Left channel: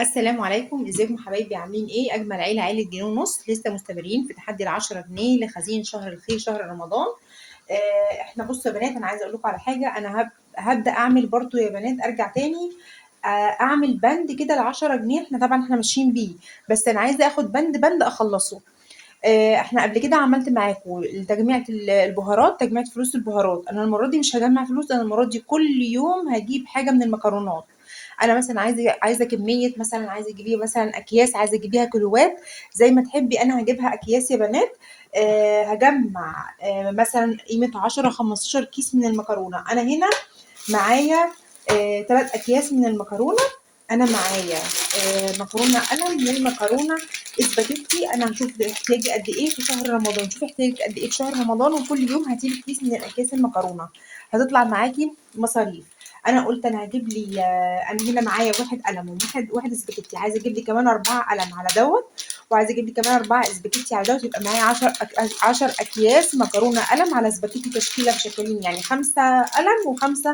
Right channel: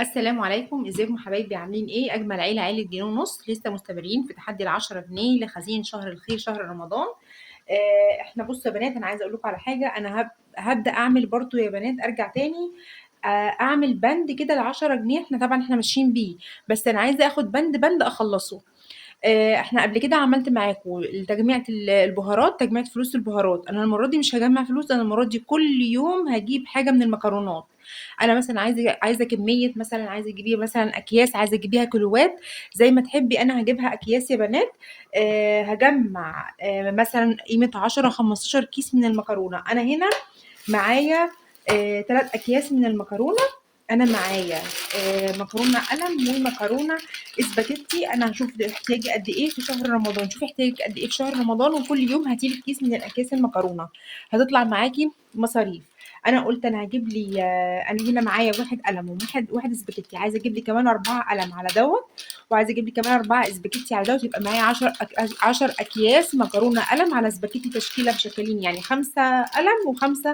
السلام عليكم، ازيكم حبايبي؟ عاملين ايه؟ اجمل عيله، عيله جنيه ونص. لسه مستمرين في تحدي ال10 جنيه لخزين شهر الخير، شهر رمضان. احنا بصوا يا بنات، انا عايزه اقول لكم على حاجه. انا هبدا اعمل برضو يا بنات، ارجع تاني. اعمل بند كده ال10 جنيه. احنا طبعا ماشيين بيه، بس انا عايزه اخد بند بند اخلصه. احنا قبل كده عملت معاكم تجميعة البهارات، تجميعة فلوس البهارات. انا المره دي مش هجمع فلوس، انا المره دي كل يوم هجيب حاجه من المكرونات. انا مثلا عايزه كميه، مثلا عايزه تجيبيها مثلا اكياس، عايزه تجيبيها كيلوات، زي ما تحبي. انا هجيبها اكياس يا بنات. هجمع مثلا قيمه 10 15 كيس من المكرونه. انا هنا معايا 3 اكياس من المكرونه. انا معايا مكرونه قلم ومكرونه اسباجيتي. انا هشوف احتياجي قد ايه في شهر رمضان. شوفي احتياجك قد ايه في شهر رمضان، وكل يوم هاتي لك كيس من الاكياس المكرونه. هتطلع معاكي مصاريف. انا قلت انا هجيب لي انا هنا معايا واحد قلم وواحد اسباجيتي. عايزه اجيب لي كمان 4 قلم على دوت، وعايزه اجيب لي كمان 4 اسباجيتي على دوت. يبقى معايا 10 اكياس مكرونه قلم على اسباجيتي، تشكيله بشكلين، يعني 5 قلم و5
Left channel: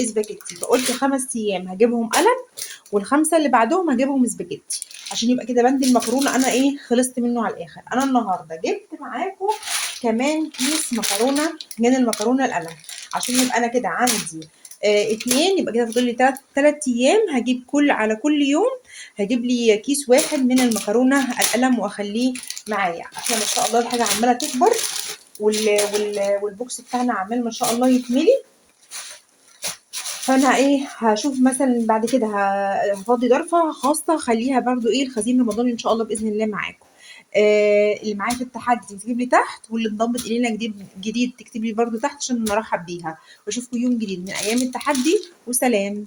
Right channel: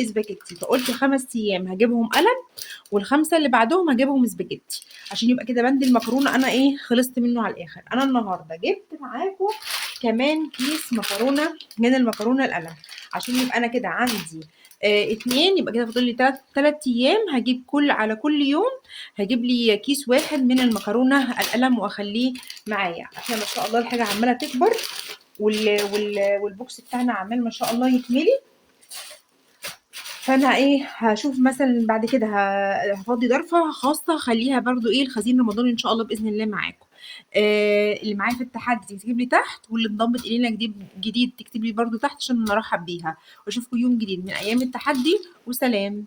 اسباجيتي. فقلت 5 ايام هجيبهم قلم، والخمسه اللي بعدهم هجيبهم سباجيتي، عشان يبقى كده بند المكرونه انا ايه، خلصت منه على الاخر. انا النهارده جبت معاكم كمان كيس مكرونه من المكرونه القلم، عشان يبقى انا كده عندي 2. يبقى كده فاضل لي 3 ايام. هجيب على كل يوم هجيب لي كيس واحد من المكرونه القلم واخليه معايا. احنا ما شاء الله الحاجه عماله تكبر، والبوكس بتاعنا عمال ما شاء الله يتملي. فانا ايه، هشوف مثلا بعد كده هفضي ضرفه خاصه اخليها برضو ايه الخزين رمضان ان شاء الله باذن الله معاكم. اللي معايا في التحدي تكتب لي تحت، واللي انضمت الينا جديد تكتب لي برضو تحت عشان نرحب بيها. واشوفكم يوم جديد من ايام التحدي، وسلام.